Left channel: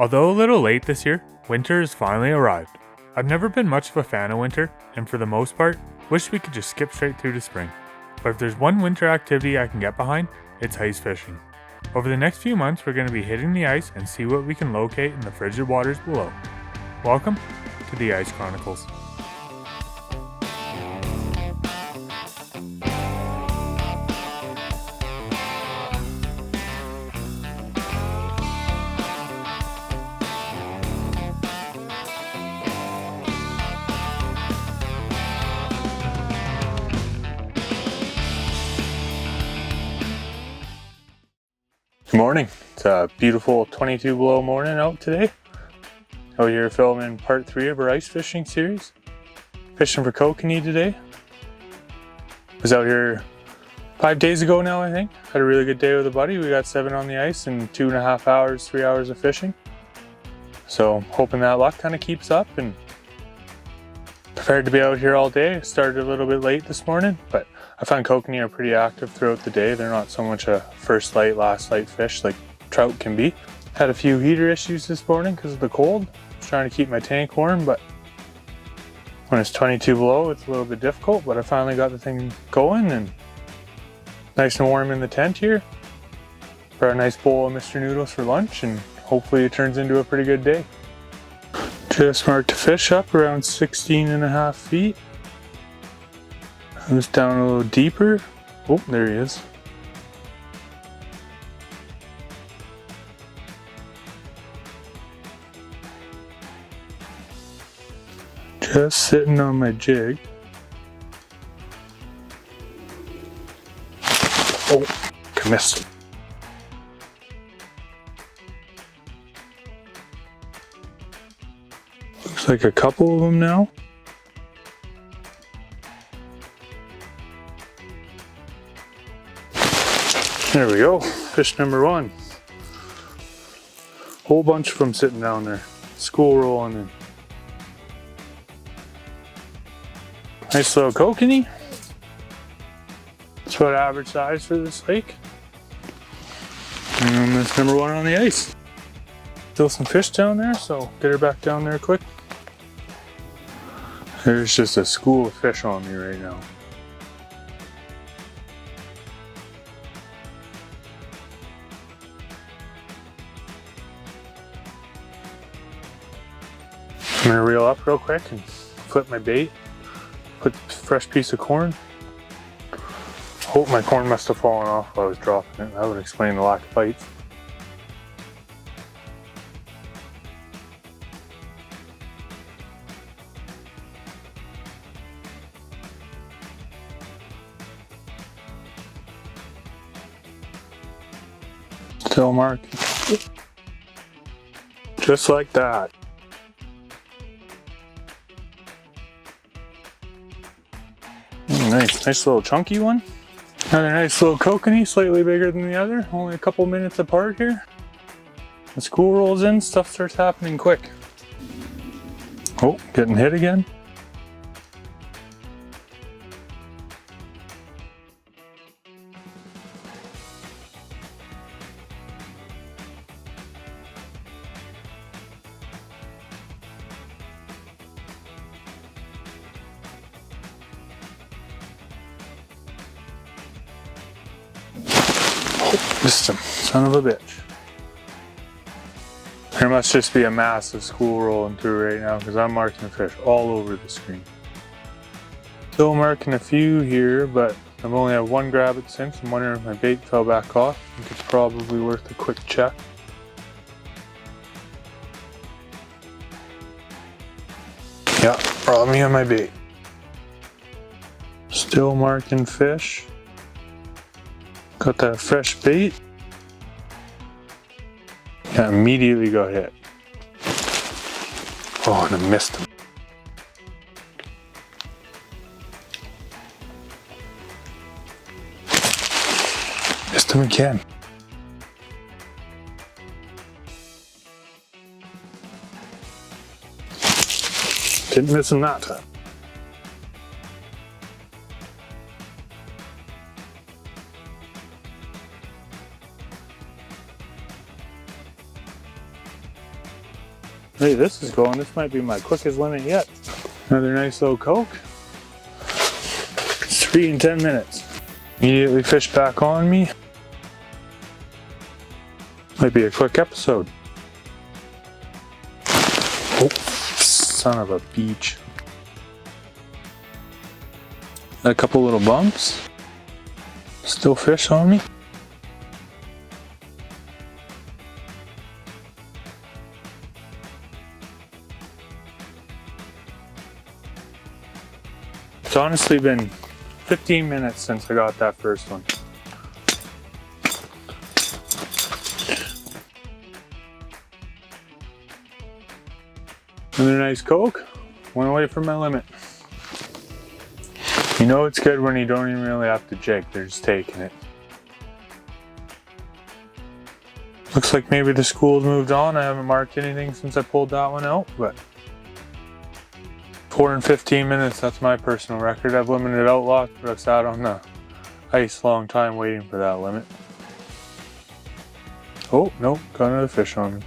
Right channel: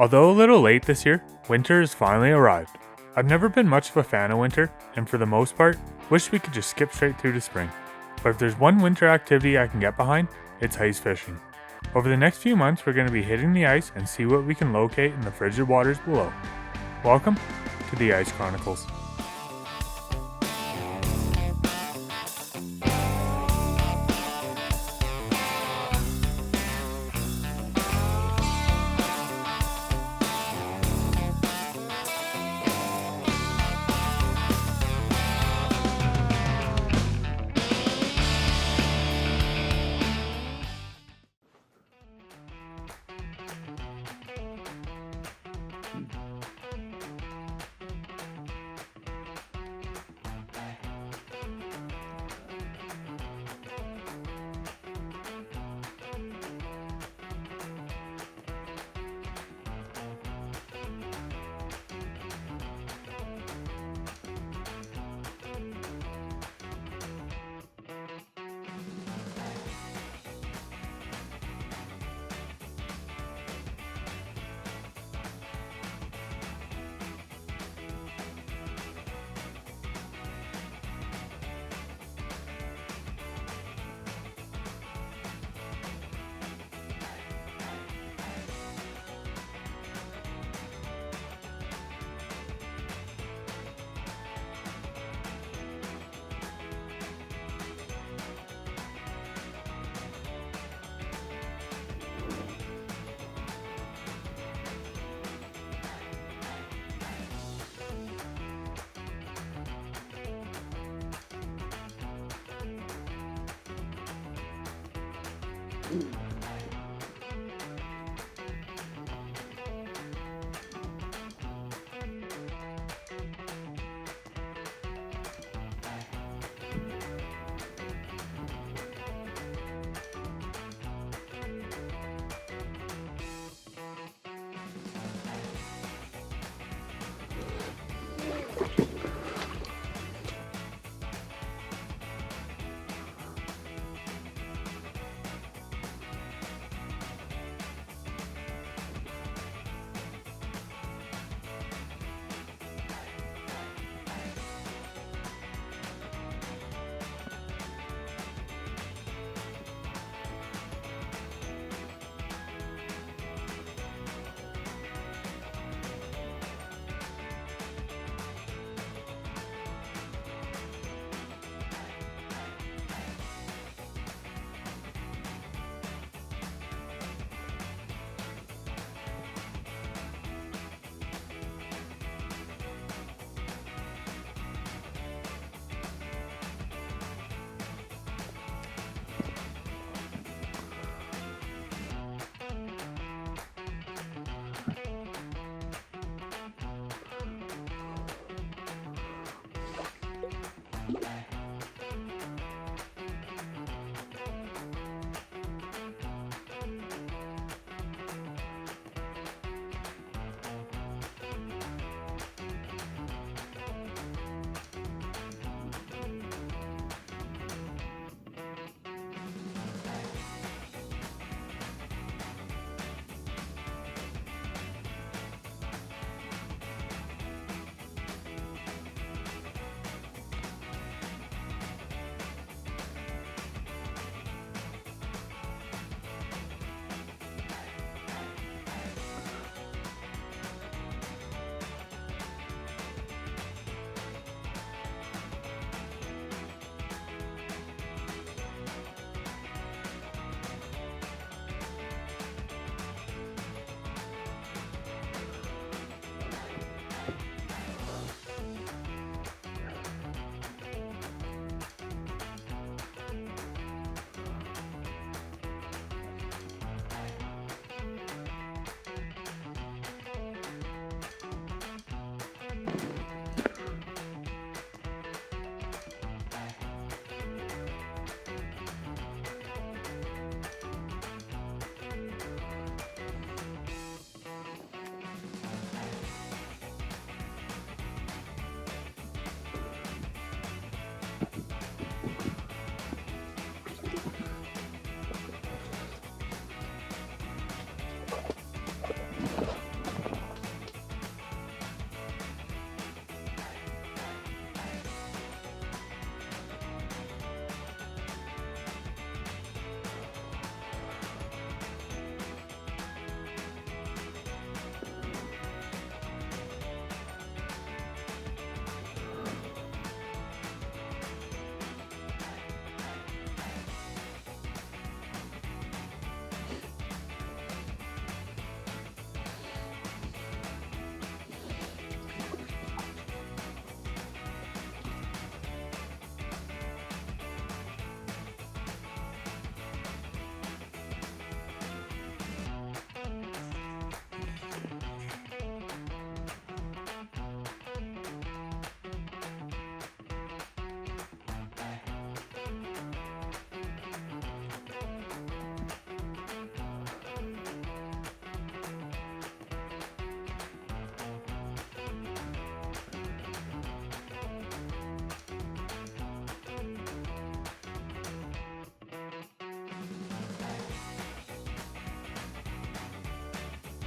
Although a little late this year, winter has finally arrived. I've never been much of a fan of winter, and for the most part, wish we could just skip straight through to spring. But if there's one winter activity I can get behind, it's ice fishing. Over the next few months, we're going to be hitting the ice and see what we can locate in the frigid waters below. Welcome to the Ice Chronicles. Good morning. It's a beautiful 22 below morning out today. Out here filming part 3 of our ice fishing series. Fishing for Kokanee today. Was out here 5 days ago now, I think. Had a really good day with a buddy. We got 7 on the ice in 2.5 hours, 3 hours of fishing. So hoping that luck kind of keeps up and prepared to be out here all day. Started a little bit late this morning, but I find kokanee are pretty active throughout the day. They're not so much a first light, last light fish like trout can be. Had a few heater issues this morning because of the cold. Trying to keep my tank warm, but when it's 22 below, it's a little bit difficult, but I finally got the thing going and nice and warm in the tent here. Got a nice bowl of Mr. Noodles for lunch and hopefully it turns into a pretty good day. Just marked a fish up around 16.5 feet. Just down a little deeper. Oh, there he is. Just sitting on my jig. Oh, I missed. Looks like a couple of them now. There we go, fish number 1. Whole bunch of them sitting down there. School rolling in. Nice little kokanee. It's about average size for this lake. And that's number 1 on the ice. Still some fish down there, so get her back down there quick. There's just a school of fish on me right now. I'm gonna reel up real quick and flip my bait. Put a fresh piece of corn. Hope my corn must have fallen off while I was dropping it. That would explain the lack of bites. Still marking. Just like that. Nice little chunky one. Another nice little kokanee, slightly bigger than the other. Only a couple minutes apart here. The school rolls in, stuff starts happening quick. Oh, getting hit again. Missed him, son of a bitch. There must just be a massive school rolling through right now because I'm marking the fish all over the screen. Still marking a few here, but I've only had 1 grab it since. I'm wondering if my bait fell back off. I think it's probably worth a quick check. Yeah, robbed me on my bait. Still marking fish. Got that fresh bait. Yeah, immediately got hit. Oh, and I missed him. Missed him again. Didn't miss him that time. Hey, this is going. This might be my quickest limit yet. Another nice little Coke. It's 3 and 10 minutes. Immediately fish back on me. Might be a quick episode. Oh, son of a beach. A couple little bumps. Still fish on me. It's honestly been 15 minutes since I got that first one. Another nice Coke. Went away from my limit. You know it's good when you don't even really have to jig, they're just taking it. Looks like maybe the school's moved on. I haven't marked anything since I pulled that one out, but 4 and 15 minutes, that's my personal record. I've limited out lots, but I've sat on the ice a long time waiting for that limit. Oh, nope, got another fish on me.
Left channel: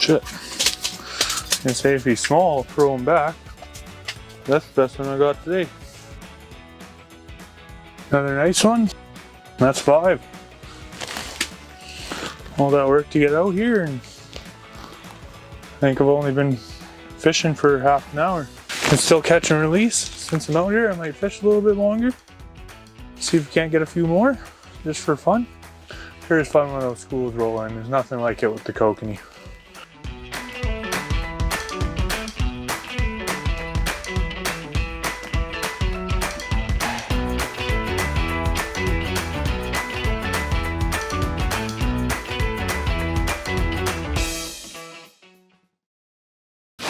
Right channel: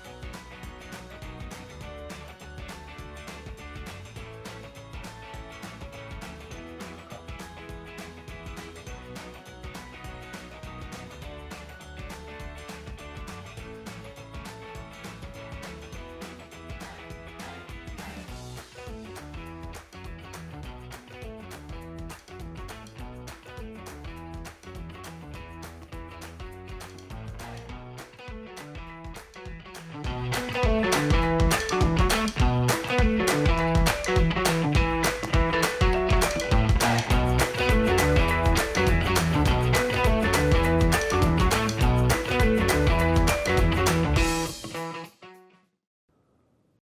Shit. I can say if he's small, I'll throw him back. That's the best one I got today. Another nice one. That's 5. All that work to get out here, and I think I've only been fishing for half an hour. Can still catch and release. Since I'm out here, I might fish a little bit longer. See if we can't get a few more, just for fun. Sure is fun when those schools roll in. There's nothing like it with the Kokanee.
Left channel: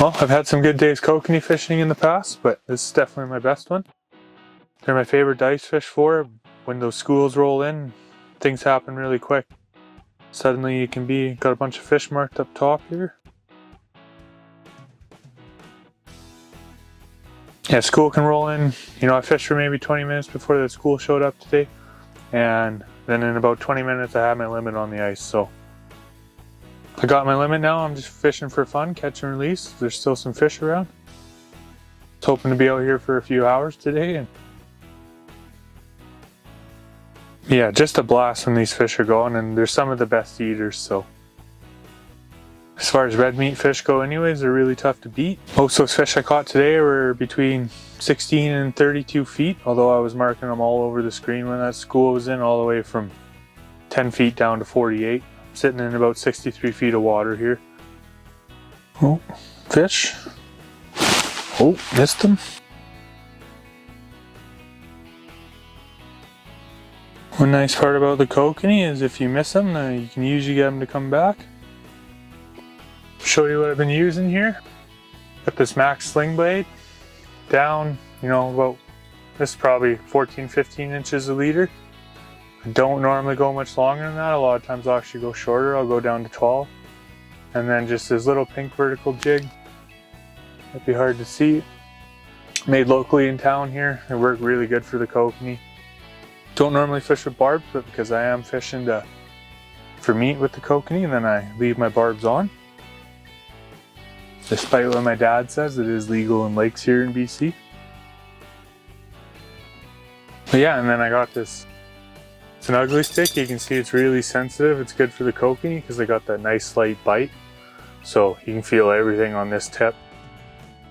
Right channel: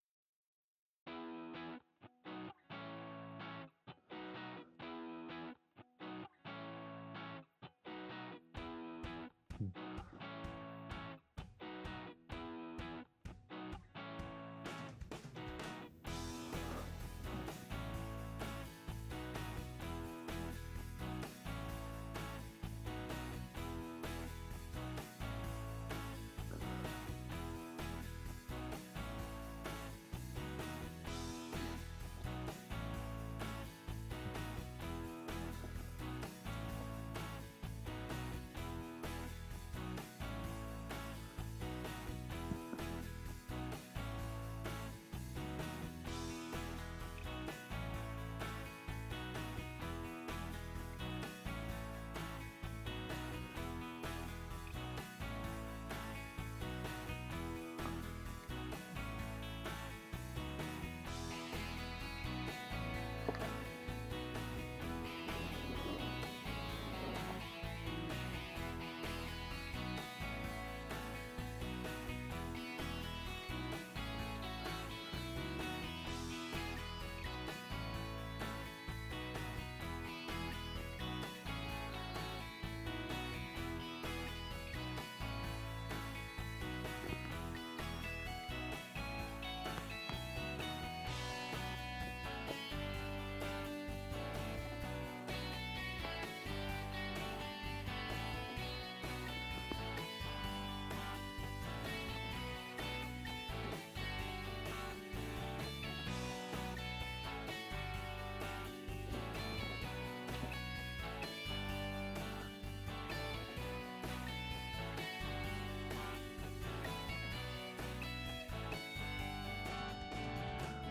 Well, I've had some good days kokanee fishing in the past, but this is definitely my best one. They're my favorite to ice fish for. When those schools roll in, things happen really quick. Suddenly you can got a bunch of fish marked up top here. Yeah, school can roll in. You know, I fished for maybe 20 minutes before the school showed up today. And then in about 20 minutes I had my limit on the ice, so I got my limit now. I'm just fishing for fun, catch and release. There's still some fish around. I was hoping to be out here for a few hours today, and yeah, just a blast when these fish are going, and they're some of the best eaters, so as far as red meat fish go anyways, they're really tough to beat. Most of those fish I caught today were between 16 and 32 feet, although I was marking them all over the screen when that school was in, all the way from 10 feet down to 48. Sitting in about 63 feet of water here. Oh, fish. Oh, missed him. One nice part about the kokanee is if you miss them, you can usually get them to come back. Show you what I've been using here. Got this max sling blade down, you know, about, this is probably 14-15 inches a leader. I don't normally go much longer than that. A lot of times I'll actually go shorter. I'll go down to 12. And then just this little pink vertical jig. Might be hard to see. Made locally in town here. It worked really good for the kokanee. Don't normally fish with barbs, but because I am fishing for meat with the kokanee, and then I leave my barbs on. Despite what my dad says, it is legal in lakes here in BC. But yeah, and then I got this. It's an ugly stick. You can see it's really sensitive. It's good for the kokanee because they got that nice slight bite. So you can feel everything on this tip.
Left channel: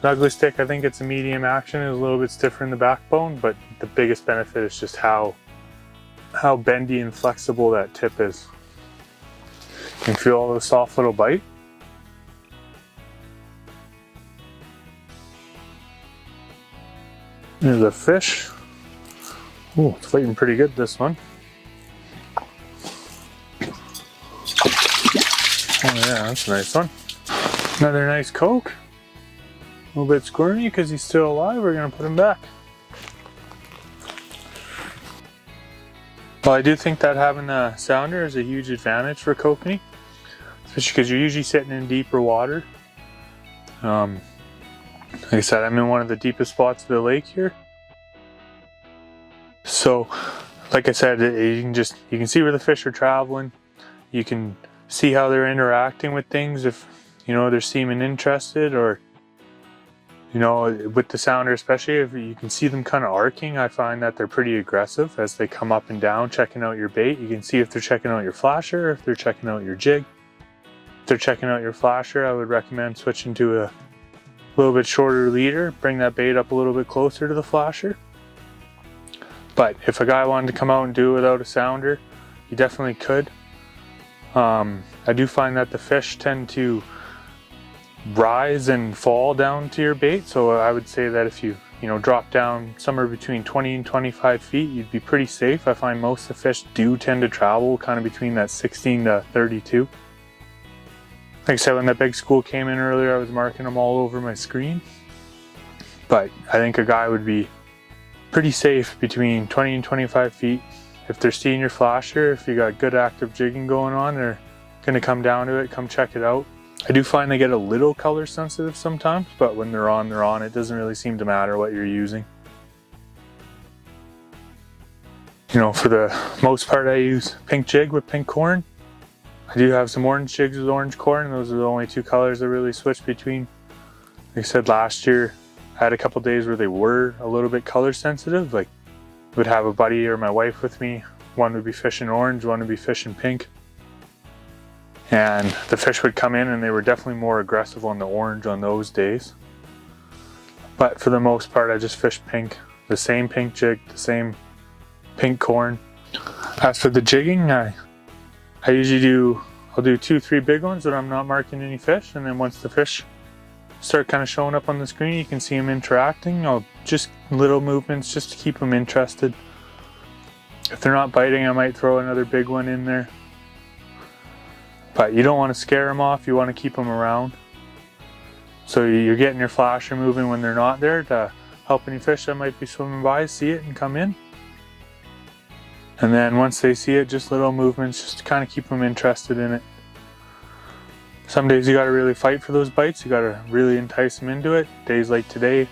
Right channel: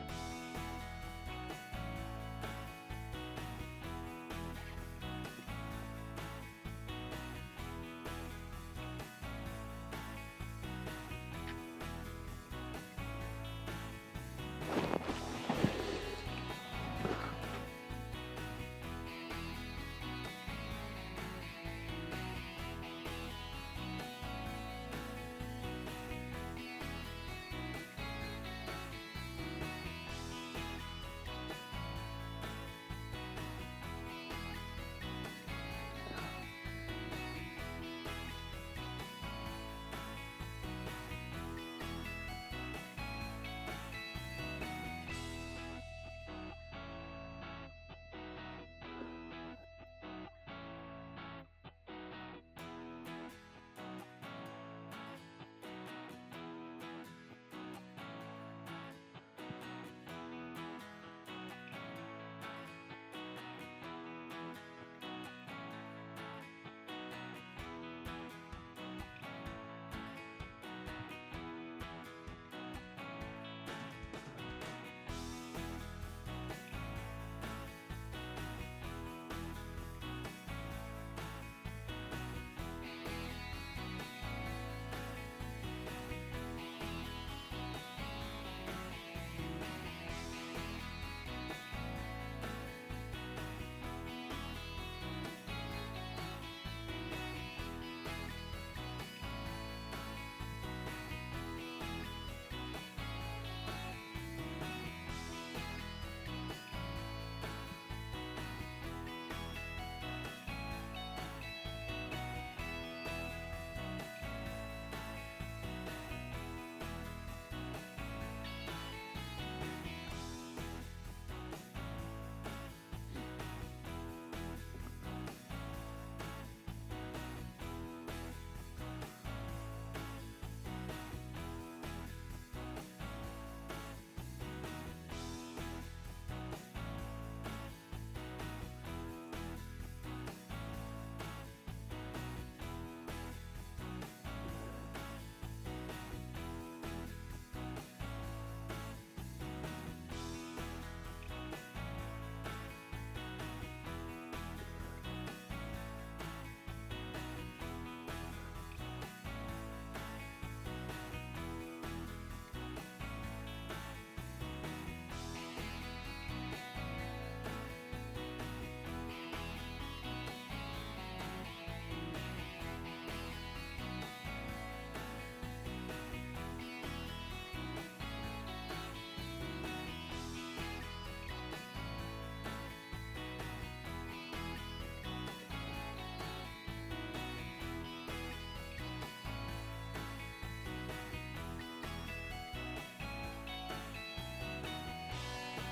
An ugly stick, I think it's a medium action. It's a little bit stiffer in the backbone, but the biggest benefit is just how bendy and flexible that tip is. You can feel all those soft little bite. There's a fish. Oh, it's fighting pretty good, this one. Oh yeah, that's a nice one. Another nice Coke. A little bit squirmy because he's still alive. We're gonna put him back. Well, I do think that having a sounder is a huge advantage for kokanee. especially because you're usually sitting in deeper water. Like I said, I'm in one of the deepest spots of the lake here. So, like I said, you can see where the fish are traveling. You can see how they're interacting with things, if they're seeming interested, or with the sounder especially, if you can see them kind of arcing. I find that they're pretty aggressive as they come up and down checking out your bait. You can see if they're checking out your flasher, if they're checking out your jig. If they're checking out your flasher, I would recommend switching to a little bit shorter leader, bring that bait up a little bit closer to the flasher. But if a guy wanted to come out and do it without a sounder, you definitely could. I do find that the fish tend to rise and fall down to your bait, so I would say that if you drop down somewhere between 20 and 25 feet, you'd be pretty safe. I find most of the fish do tend to travel kind of between that 16 to 32. Like I said, when that big school came in earlier, I was marking them all over my screen. But I think a guy would be pretty safe between 20 and 25 feet. If they're seeing your flasher, if you got good active jigging going on, they're gonna come down to it, come check it out. I do find they get a little color sensitive sometimes, but when they're on, they're on. It doesn't really seem to matter what you're using. For the most part, I use pink jig with pink corn. I do have some orange jigs with orange corn, and those are the only two colors I really switch between. Like I said, last year, I had a couple days where they were a little bit color sensitive. Like, I would have a buddy or my wife with me. One would be fishing orange, one would be fishing pink. And the fish would come in and they were definitely more aggressive on the orange on those days. But for the most part, I just fish pink. The same pink jig, the same pink corn. As for the jigging, I usually I'll do 2-3 big ones that I'm not marking any fish, and then once the fish start kind of showing up on the screen, you can see them interacting. I'll just little movements just to keep them interested. If they're not biting, I might throw another big one in there. But you don't want to scare them off, you want to keep them around. So you're getting your flasher moving when they're not there to help any fish that might be swimming by see it and come in. And then once they see it, just little movements just to kind of keep them interested in it. Some days you got to really fight for those bites, you got to really entice them into it. Days like today,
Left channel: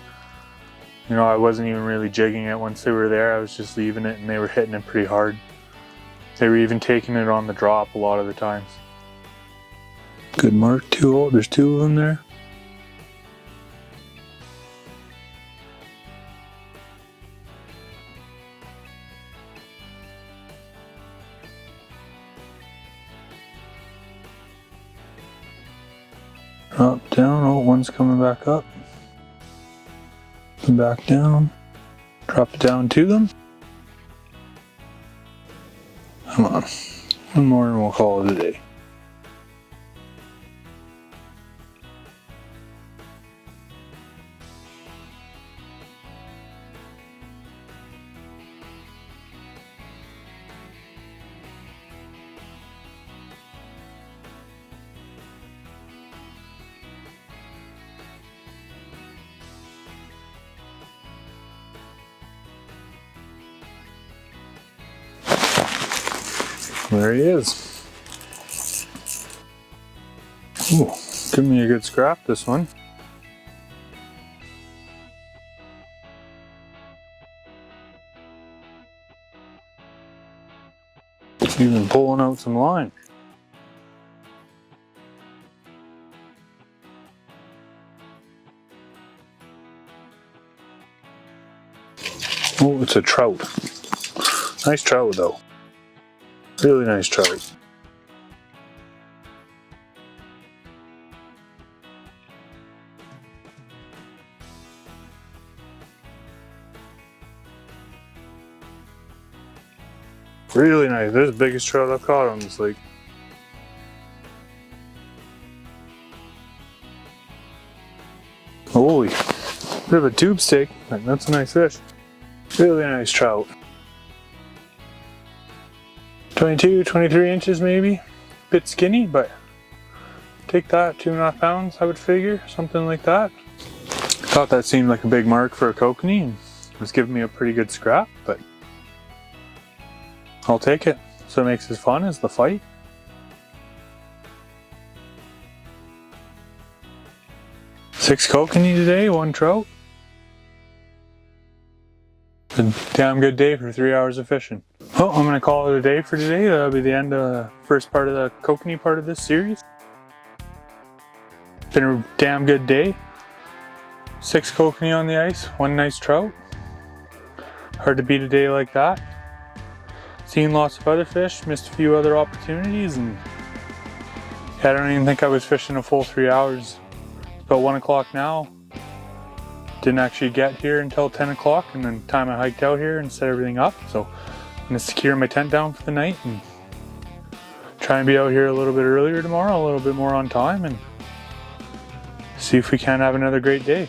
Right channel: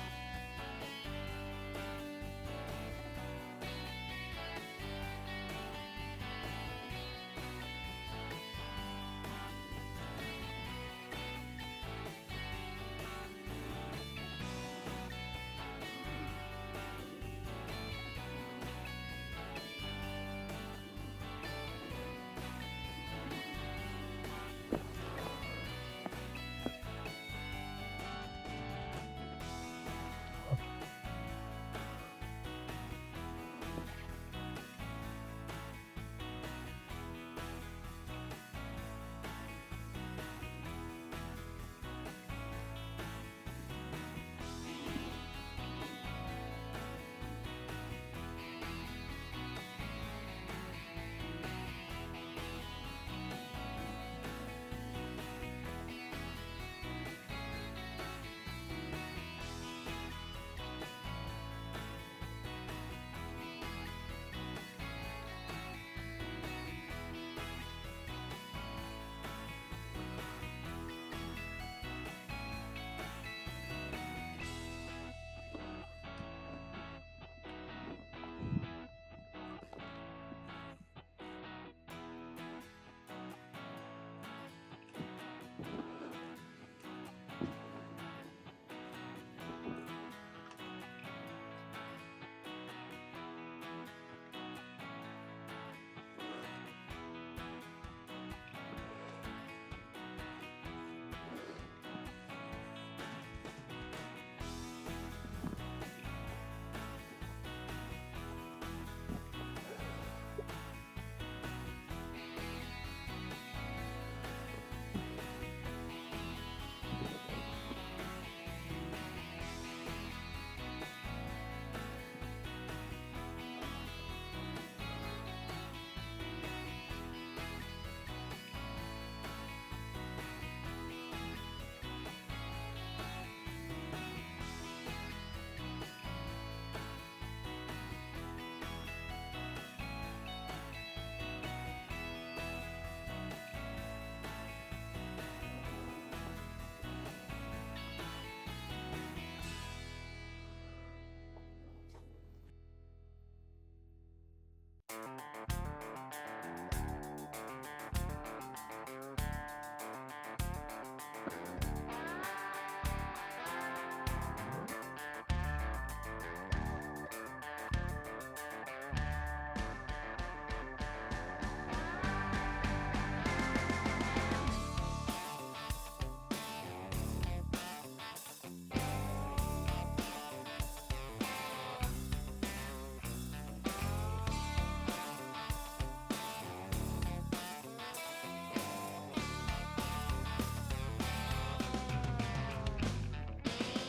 I wasn't even really jigging it once they were there. I was just leaving it and they were hitting it pretty hard. They were even taking it on the drop a lot of the times. Good mark, there's 2 of them there. Up, down, oh, one's coming back up. Up and back down. Drop it down to them. Come on, one more and we'll call it a day. There he is. Ooh, give me a good scrap, this one. Even pulling out some line. Oh, it's a trout. Nice trout though. Really nice trout. Really nice. This is the biggest trout I've caught on this lake. Holy, bit of a tube steak. That's a nice fish. Really nice trout. 22, 23 inches maybe. Bit skinny, but take that, 2.5 pounds, I would figure, something like that. Thought that seemed like a big mark for a kokanee, and it was giving me a pretty good scrap, but I'll take it. So what makes it fun is the fight. 6 kokanee today, 1 trout. It's a damn good day for 3 hours of fishing. Oh, I'm gonna call it a day for today. That'll be the end of the first part of the kokanee part of this series. Been a damn good day. 6 kokanee on the ice, 1 nice trout. Hard to beat a day like that. Seen lots of other fish, missed a few other opportunities, and I don't even think I was fishing a full 3 hours. About 1 o'clock now. Didn't actually get here until 10 o'clock, and then time I hiked out here and set everything up. So I'm gonna secure my tent down for the night and try and be out here a little bit earlier tomorrow, a little bit more on time, and see if we can have another great day.